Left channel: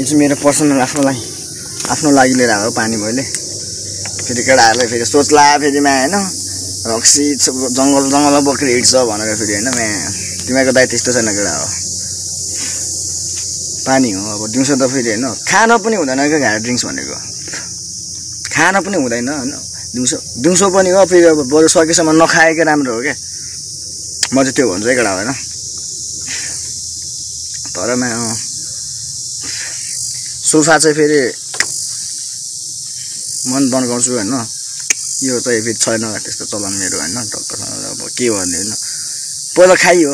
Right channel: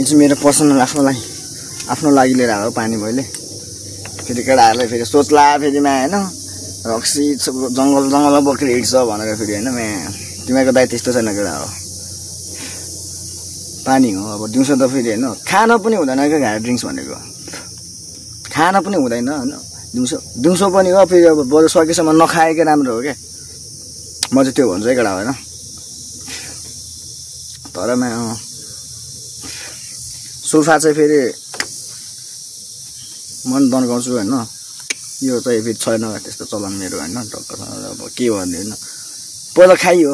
यो चाहिँ मेरो पर्सनल आफ्नो लागि लिएर आएको पानी मैले फेरि केटाहरूलाई फेरि सोच्ला फेरि मा होइन रक्सी जङ्गलमा बक्री हिँड्छ भनेर फेरि होइन मा तिमीहरूको दाइ त्यस्तो छैन केटा हो पानी हो अब दिउँसो त फेरि होइन खान पनि हुँदैन क्या हार्ड ड्रिङ्क्स भनेको खान पनि हुँदैन होइन दिउँसो पनि हो फेरि अब बरु सकेसम्म नखाएकै राम्रो हो क्या म चाहिँ त्यो भन्छु है केटा होइन तर मा सोफा चाहिँ फेरि मन तन्काउँछु होइन यो चाहिँ फेरि छैन त्यस्तो चलन मेरो होइन डक्टरसँग अब के भन्ने होइन पहिला खाइयो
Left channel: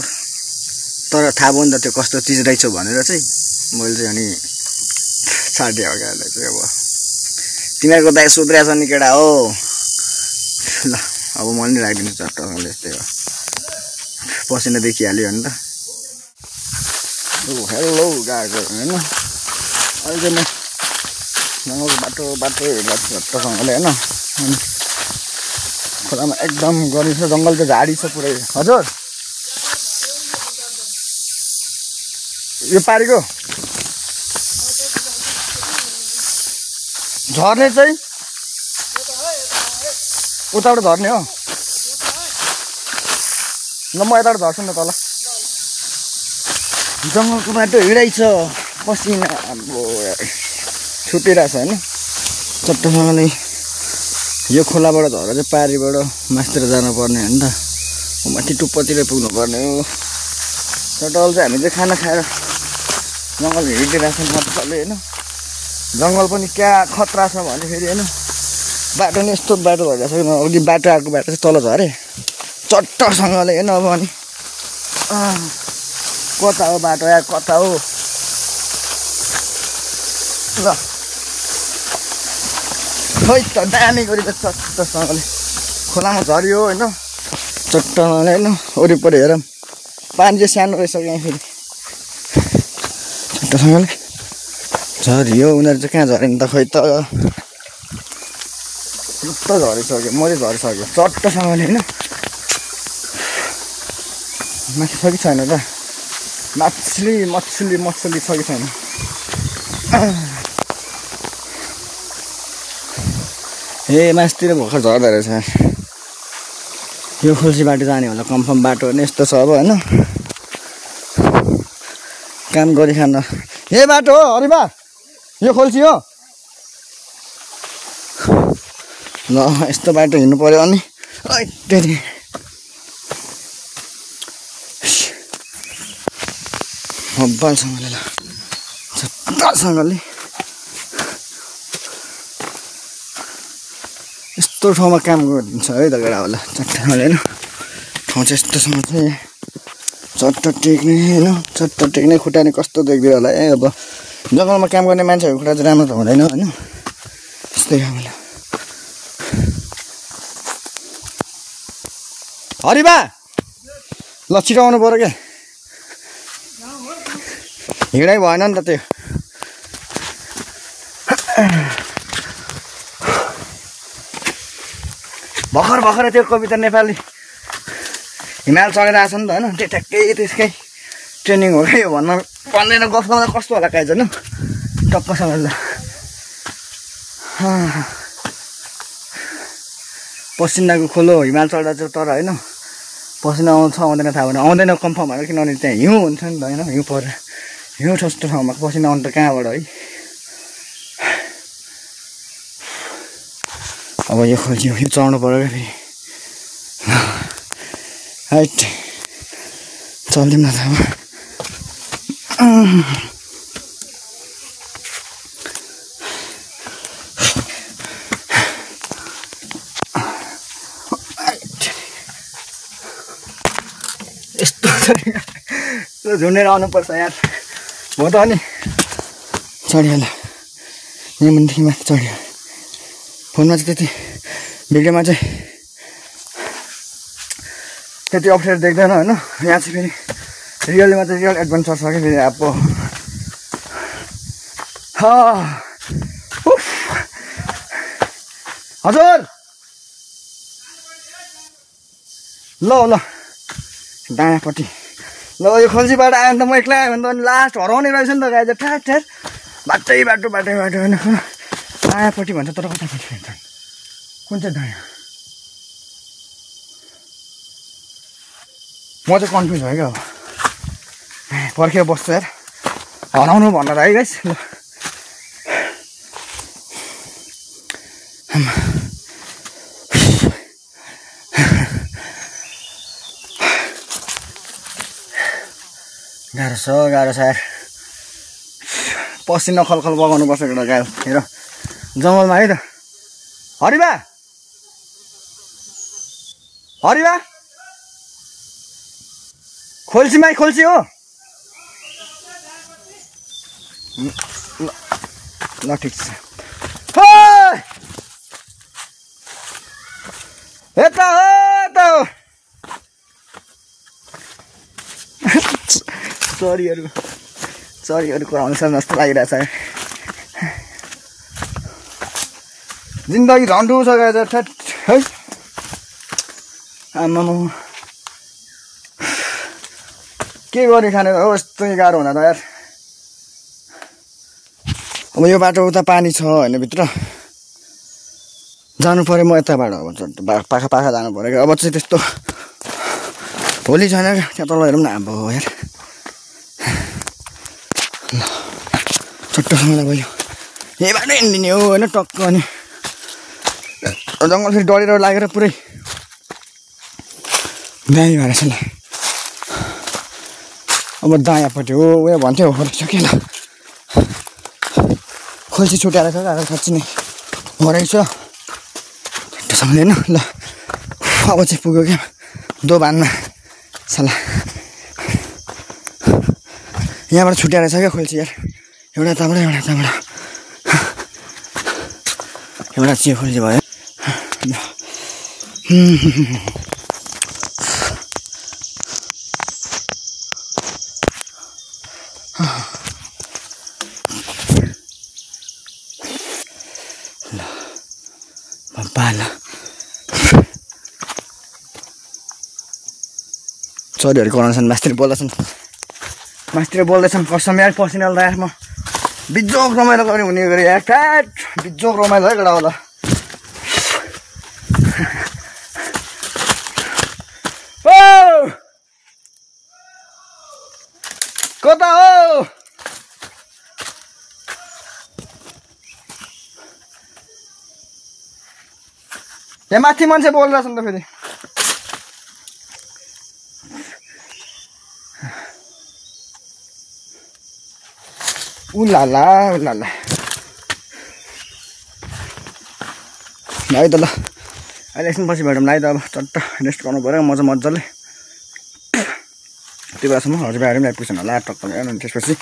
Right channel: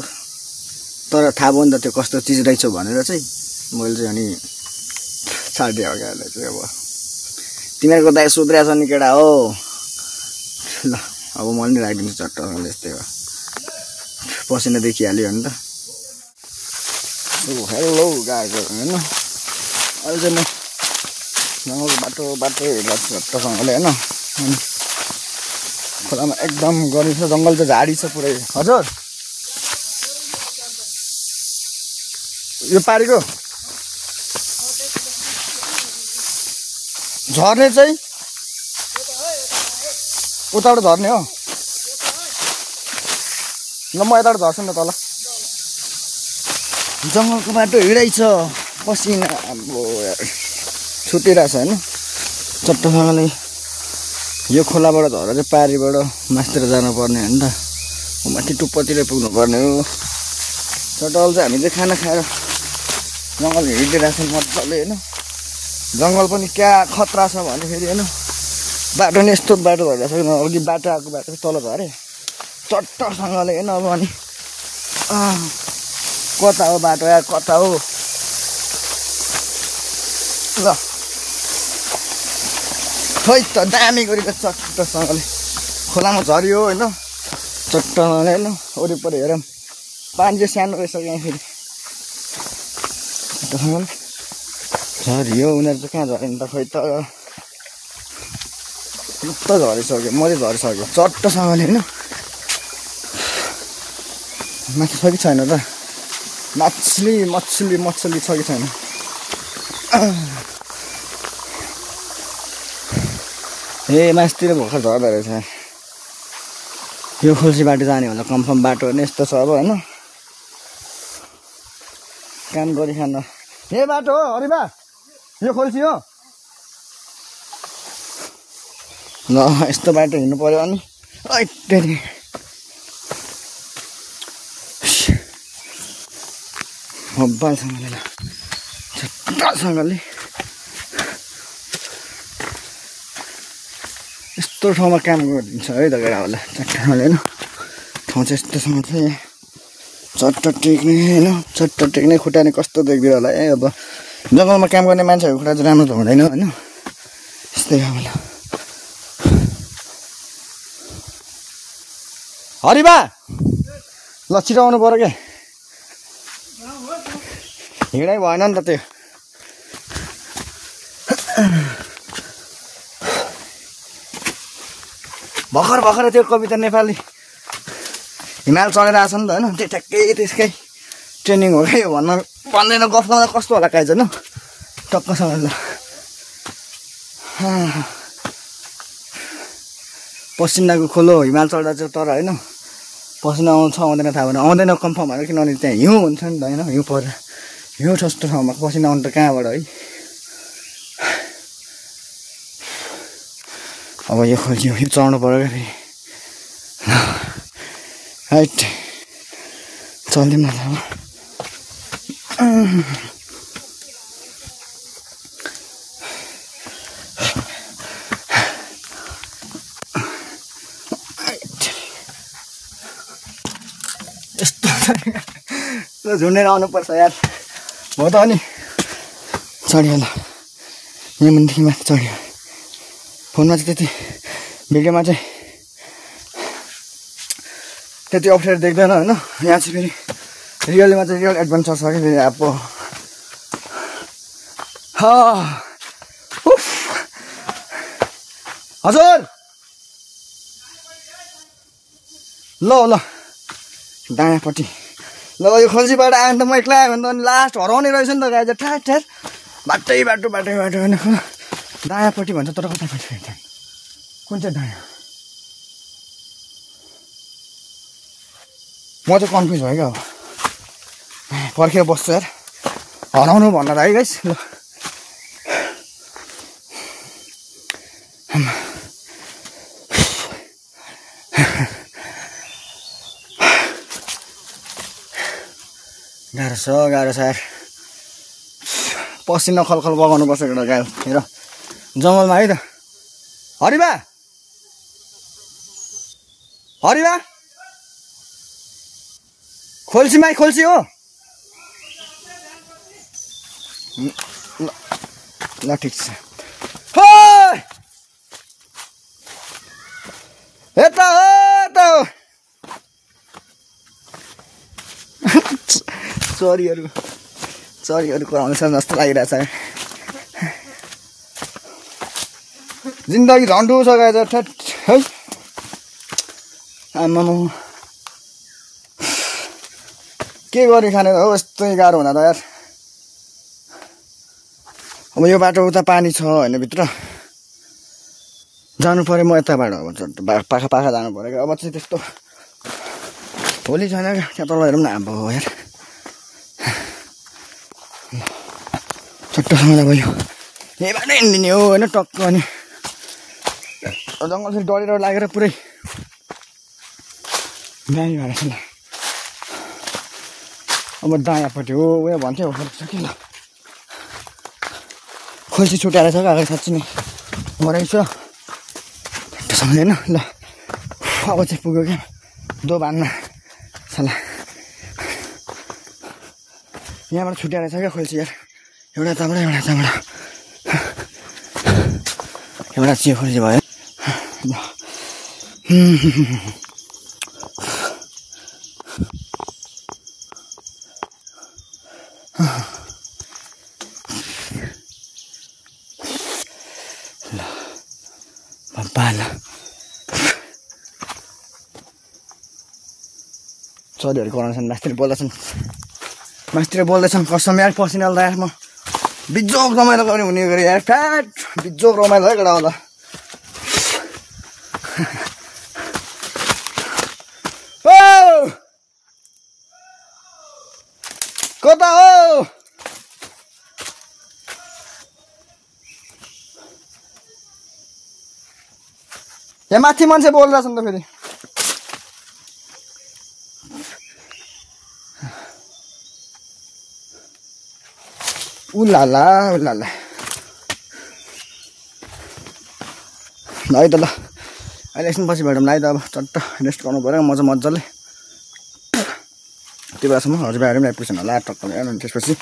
तर थाहा भयो नि त त्यो कस्तो चिज रहेछ भनेर चाहिँ मैले चाहिँ अनि छाडिदिएँ अगाडि चाहिँ अब तिमीहरूको दाइ सुध्रिएको छ नि केटा हो ल अब मैले नि राखिदिन्छु चट्टसँग यस्तै हो पसिना देखिहाल्यो नि त हेलो गएको होइन अहिले चाहिँ म बाटो हेरेको छु चट्टसँगले होइन खोलामा एकदम गरी छ जङ्गल चाहिँ झाडी छ पुरै हजुर यो पारीको झर्ने चाहिँ उताबाट झर्ने हो ल म यताबाट झर्छु नि त तल जङ्गलको बाटो हिँडाइ छ पसिना अब छुटिरहेछ होइन चट्टसँगले यो खोलाबाट झरेर चाहिँ पारीबाट मासतिर जानुपर्ने हो नि त माथि टुप्पोतिर पुग्नुपर्ने हो टोटल चाहिँ हामी चाहिँ खाना खाएर जङ्गल हिँडिदिइरहेको छ मजाले होइन जङ्गल पनि क्या खतरा छ भने फेरि होइन बाटो नि यस्तो बाटो भएको छ अघि बाटो आएको बाटो चाहिँ तल झरे चट्टसँगले होइन अब अनि कता हो बाटो या कता हो ल खै त दामी गरेको चट्टसँगले खोलामा झऱ्यो होइन चट्टसँगले होइन वरिपरि हेरौँ पानी चाहिँ सानो रहेछ यहाँ फेरि चट्टसँगले झऱ्यो उनीहरू चाहिँ कहाँ झऱ्यो नि त खै त झरिसक्यो मैले झरिसक्यो चट्टसँगले होइन माथि छ कि छैन त मछली छ कि छैन ए मासतिर भर्खर झर्दो रहेछ यो खोल्सी बाटो जाने होला कन्फर्म बाटो नि यस्तो छ अब होइन काम गरिखान ए बाटो हो हरिबा यो खोल्सी हो ल यस्तो बाटो हिँड्नु पर्यो अनि हब्बालसँगले ल चट्टासँगले यस्तो ठाउँमा काम गरिदिन्छ है त केटाहरूले चट्टाले होइन ठाउँ चाहिँ यस्तोसँग चाहिँ चट्ट टेक्ने खुट्टा नि कस्तो देख्दियो होला ए अब जङ्गलमा काम गर्ने मान्छेहरूको खुट्टा चाहिँ राम्रो त हुँदैन होइन त्यस्तै खाले हरिबा ल छिटो आउनु पर्यो क्या हिँडै भएन नि त त्यो भर्खर त्यो कविता नेपाली हिमाल चढेर आएको छ नि त होइन त्यो ठ्याक्कै त्यसकै ट्रेनिङ हो क्या यो भन्दैन गफ गर्दा कस्तो होला काहीँ होइन टक्कसँग पसिनाको खोलो हिमाल चढ्दा चाहिँ तर होइन पसिना आउँछ आउँदैन थाहा भएन आउँदैन कन्फर्म भयो किनभने त्यहाँ हिउँ हुन्छ नि त होइन हिउँ परेर हिउँ ठस्तो ठाउँमा पसिना आउनु त कहाँबाट है अब यो खोल्सी यो चढ्नु पर्यो क्या हाइट चल्दिउँ न यस्तो झुन्डेर आउनुपर्छ यार हो त अनि चढ्यो होला यहाँ मान्छे माथि चढ्यो फोनमा चाहिँ त्यति भिडियोमा चाहिँ त्यति अप्ठ्यारो देख्दैन होइन यहाँ चाहिँ फेरि रियलमा चाहिँ रियल एडभेन्चर छ कि फेरि अब हजुर ल दायाँपट्टि ल यो खोल्सीबाट आयो भने त म एक्लै आयो भने त लास्ट हराउने रहेछ नि त गाई चाहिँ ठ्यार बाटै बाटो होइन दायाँपट्टि भन्छ तर कतापट्टि भन्छ कुन चाहिँ दायाँ म चाहिँ कन्फ्युज भयो क्या अब पर्खेर बस्छु यार हराउनु भनेर है गाइस ल गाह्रो छ यार पसिना खलखल बगाउनु पर्छ केटा गाह्रो हेर जङ्गलमा है त हरिबा खोल्सी माई खोल्सी हो ल ठिक छ यता चरीहरूको आउँछ जस्तो लागिरहेछ जिन्दगी झन्डो छ गाइस ठ्याट है आमामा के गरी खाने हो यस्तो गाह्रो हुँदा त यार अब यो बाटो उता पानी छ होइन भित्र जानु पर्यो म यताबाट अब पाखा जानु पर्यो अब चाहिँ त्यस्तो भोलि छैन क्या तल हेरौँ न अब यार चट्टसँग भयो यहीबाट हिँडिदिने हो होइन टक्क अनि जङ्गल फेरि डढेर लागेर पुरै दामी भएर छ ल अब दायाँपट्टि हो उयो भन्थ्यो फर्किसक्यो ल खोल्सी छुट्याएर छ क्या साँच्ची नै मरेको छ सक्दैन ल अब चाहिँ पुग्यो क्या दोभानमा सल्लाह यहाँबाट छुट्याएर छ क्या खोल्सी यार एउटा चाहिँ खोल्सी भयो चरीहरूको अनुसार मास्तिर बोल्दैछन् कसम यार पसिना यार म बिजोग रमाइलो गर्ने हुने गरे यार ठ्याट बिजोग रमाइलो है केटा होला कता हो यहाँ माथि मान्छे बोल्दैछन् त फेरि उलाला लाइ त ल अहिले एकछिन पछि भेटौँ लाइ त अब चट्ट रेस्ट गर्नु पऱ्यो मजाले त्यो बेलासम्म हजुरबाहरू पनि आइपुग्छन् होला टक्क अनि त्यसपछि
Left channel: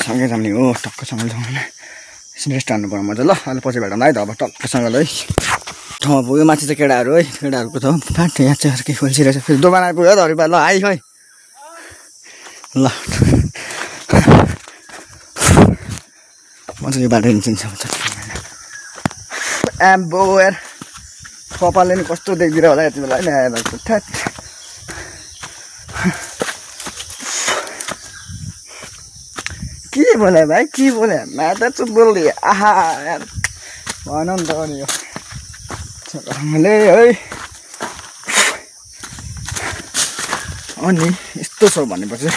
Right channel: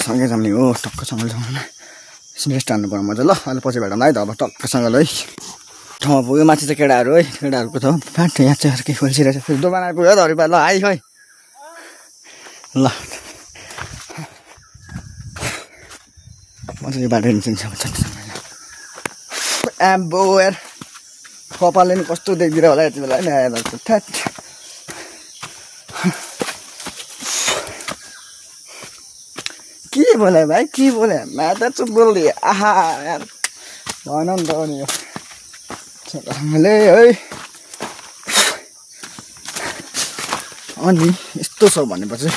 सँगै जाने हो टक्कसँग एकछिन रेस्ट हान्नु पऱ्यो मजा ल अनि पछि भेटौँ है त अब टक्कसँगले है ठाउँमा पुग्यो माथि चाहिँ केटाहरू है केटाहरूको ठाउँ पाठ यहाँ चाहिँ अर्कै खोल्सिरहेछ फेरि दोकान आइपुग्यो त हरिबा ल आइ है ल मजाले बाटो हिँड्छ आम्बो यार कपालले नि कस्तो देखिदिएर होला यति बेला ल्याएर ठ्याट के बोले भाइ के बोले माता चुप बोल्दै आहा यार भन नि त नि यो छोराले है अनि यस्तो छ भनेपछि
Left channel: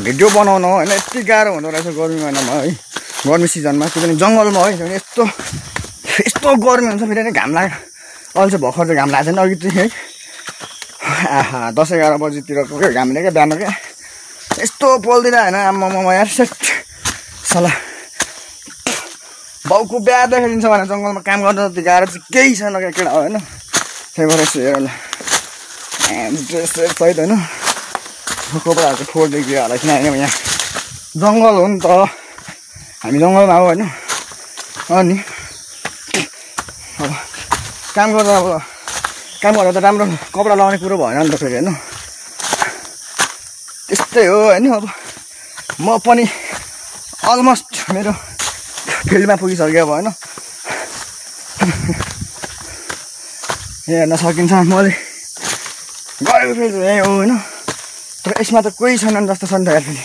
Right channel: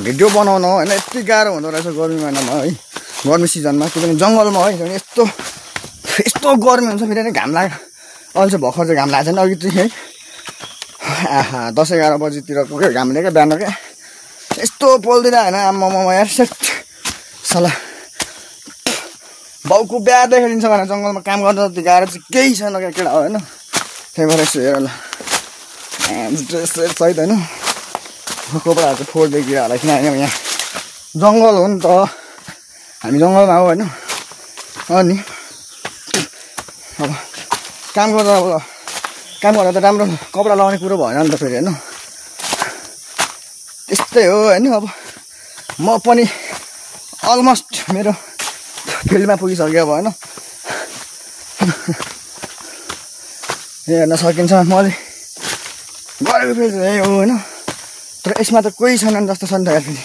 भिडियो बनाउन होइन यति गाह्रो हुँदो रहेछ गर्मी महिनामा है गर्मी सिजनमा त्यो पनि जङ्गलमा है यस्तो गर्मी हुन्छ फेरि नै घाम लाग्यो अहिले चाहिँ भर्खर चाहिँ घाम लागेको छैन अघि चाहिँ है आहा 10-11 बजीतिर पुग्यो घामले क्या बिहान क्या यस्तो पोल्दिन होइन आम्मामा यार सल्लाह बाउको बिहा देखाइदिन्छ भने जङ्गलमा काम गर्दा जति गाह्रो चाहिँ केही छैन क्या केटा होइन त्यही भएर यस्तो हेर ल ड्रेस सहित होइन कपडाहरू चाहिँ फोडिदिएको होला किन यहाँ जङ्गल हो नि त हामी जङ्गलमा हो होइन अनि अब काम गर्दा त राम्रो कपडा लगाउने कुरो भएन नि त फेरि होइन त्यस्तै हो होइन अब म पनि अलमोस्ट मेरो फिल्डमा पुगिसक्यो अब होइन हेर्न सकिन्छ मैले गरेको फेरि यही हो होइन तर तर यसमा त कोही छैनन् जस्तो छ नि त फेरि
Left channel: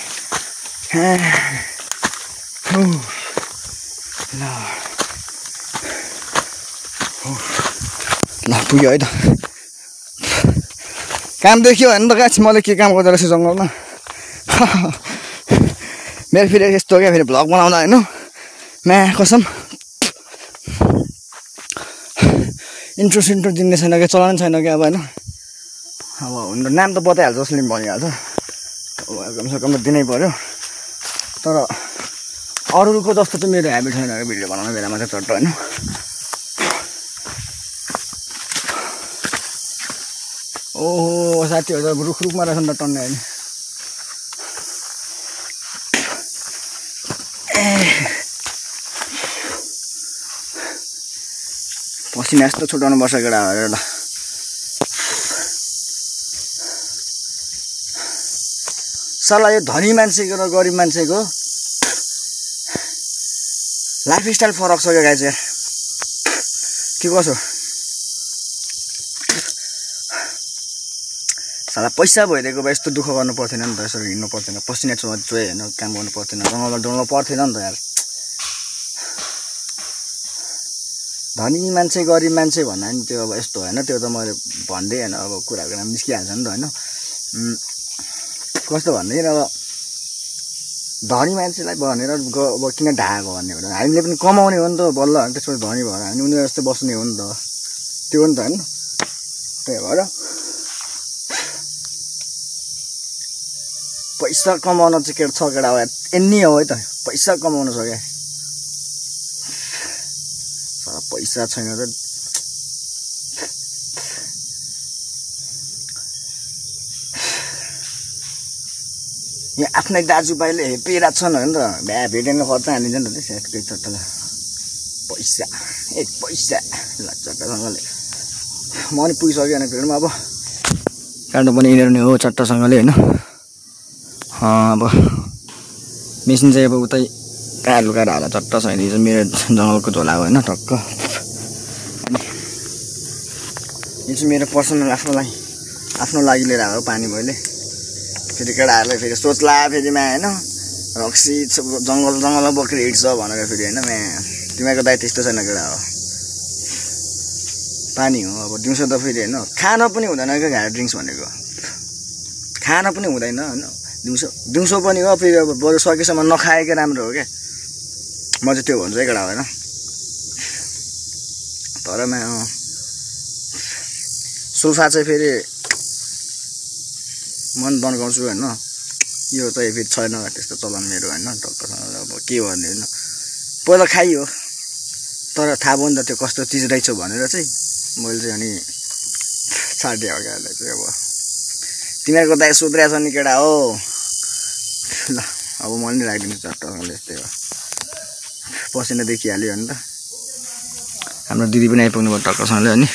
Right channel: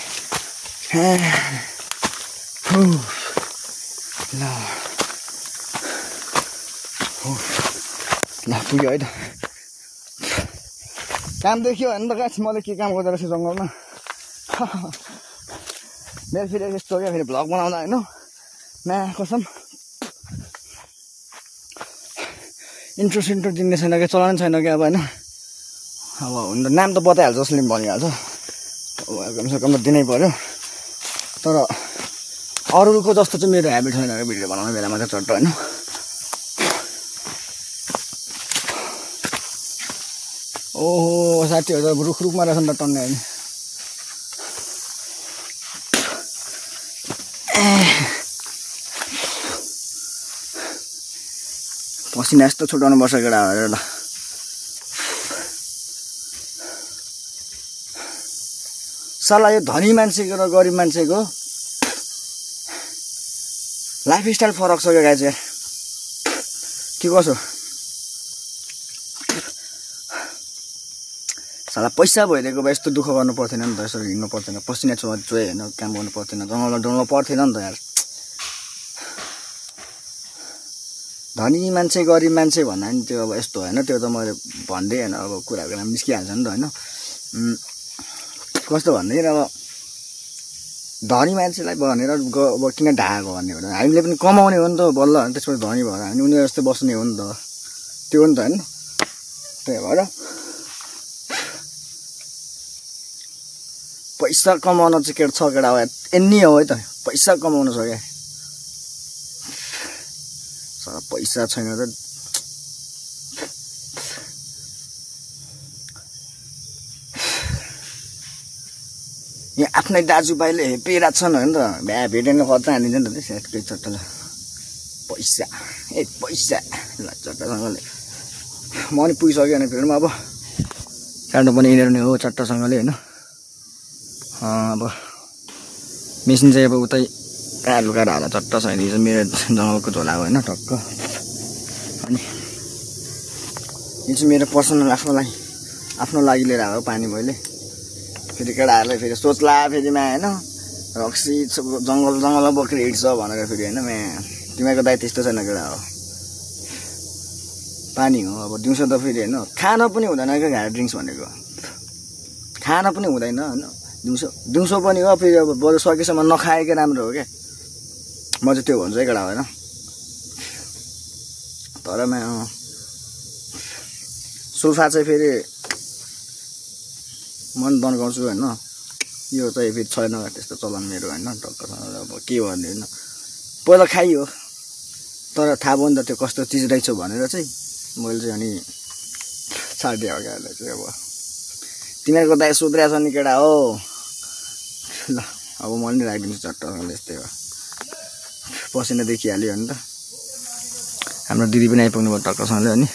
ल पुग्यो है त काम देखियो भने त गाछ मैले के काम गर्दो रहेछ जङ्गलमा मेरो फेरि यस्तो क्या फेरि भ्लग बनाउँदा होइन म्या कसम इन्ट्रो सिन्ट्रो दिने छैन क्या चलाउनु छैन क्या अब होइन अब हुनु नाम त बताइहाल्छ जसले पनि भनिहाल्छ कमसेकम त दिनै पऱ्यो तर अरूको जस्तो चाहिँ मेरो ह्याबिट छैन क्या भिडियो बनाउने बेलामा चाहिँ चट्ट होइन ओहो साथीहरू रुखमा रहेछ नि त टन्ने अहिले पसिना यस्तो छुटाउनु पर्छ केटा एउटा सल्लाह यो धनी मान्छेको र गरिब मान्छेको लाइफ स्टाइल फरक छ क्या गाई चाहिँ के कसो साला पैसा भइदिएको भए यस्तो दुःख गर्नु पर्थेन नि त यसरी हिँड्नु पर्थेन पसिना चोए होइन काम गर्नु पर्थेन जङ्गलमा डुल्नु पर्थेन नि त यार धनी मान्छे गरिब मान्छे भन्दा नि त्यो अब यस्तो होइन त्यो त मैले भन्दै होइन अब कुराको नाम निस्किहाल्छ नि त होइन कस्तो भन्दैन अब धनी मान्छेलाई भनेर अब किन ढाएको भन्ने हो हामीले पनि कमाउने हो नि त बल्ल होइन त्यसबाट धनी भएर हामी उनीहरू जस्तै बस्ने हो नि त त्यो हो नि त होइन त्यही भएर पैसा कमाउन चाहिँ के छ केटा हो यति हो है त पैसा कमाउनु छ क्या पैसा छैन त यहाँ आफ्नै दाजुभाइले हेपिरहेको छन् होइन त भ्या भेटेन खर्च हालिन्छ नि त त्यो चट्टलाई पैसा पैसा ल चट्टसँगले म पनि पुगिसक्यो भने भिडमा अब काट्नु पनि यिनीहरू नै हो चट्टसँगले होइन अब मेसिन चाहिँ अब उतै कहाँ लुकाएर हाल्दा चट्ट छैन यो चाहिँ मेरो जङ्गलको झोला हो होइन टक्क अनि यो चाहिँ मेरो पर्सनल आफ्नो लागि लिएर आएको पानी मैले फेरि केटाहरूलाई फेरि सोच्ला फेरिमा होइन रक्सी जङ्गलमा बोकेर हिँड्छ भनेर फेरि होइन म्या तिमीहरूको दाइ त्यस्तो छैन केटा हो पानी हो अब दिउँसो त फेरि होइन खान पनि हुँदैन क्या घाँड ड्रिङ्क्स भनेको खान पनि हुँदैन होइन दिउँसो पनि हो फेरि अब बरु सकेसम्म नखाएकै राम्रो हो क्या म चाहिँ त्यो हुन्छ है केटा होइन तर सुल्फा चाहिँ फेरि मन तन्काउँछु होइन यो चाहिँ फेरि छैन त्यस्तो चलन मेरो होइन टक्कसँग अब के भन्ने होइन पहिला खाइयो तर थाहा भयो नि त त्यो कस्तो चिज रहेछ भनेर चाहिँ मैले चाहिँ अनि छाडिदिएँ अगाडि चाहिँ अब तिमीहरूको दाइ सुध्रिया छ नि केटा हो ल अब मैले नि राखिदिन्छु चट्टसँगले यस्तै हो पसिना देखिहाल्यो नि त हाम्रो दिदी पनि आइपुग्नु भयो टक्कसँगले अनि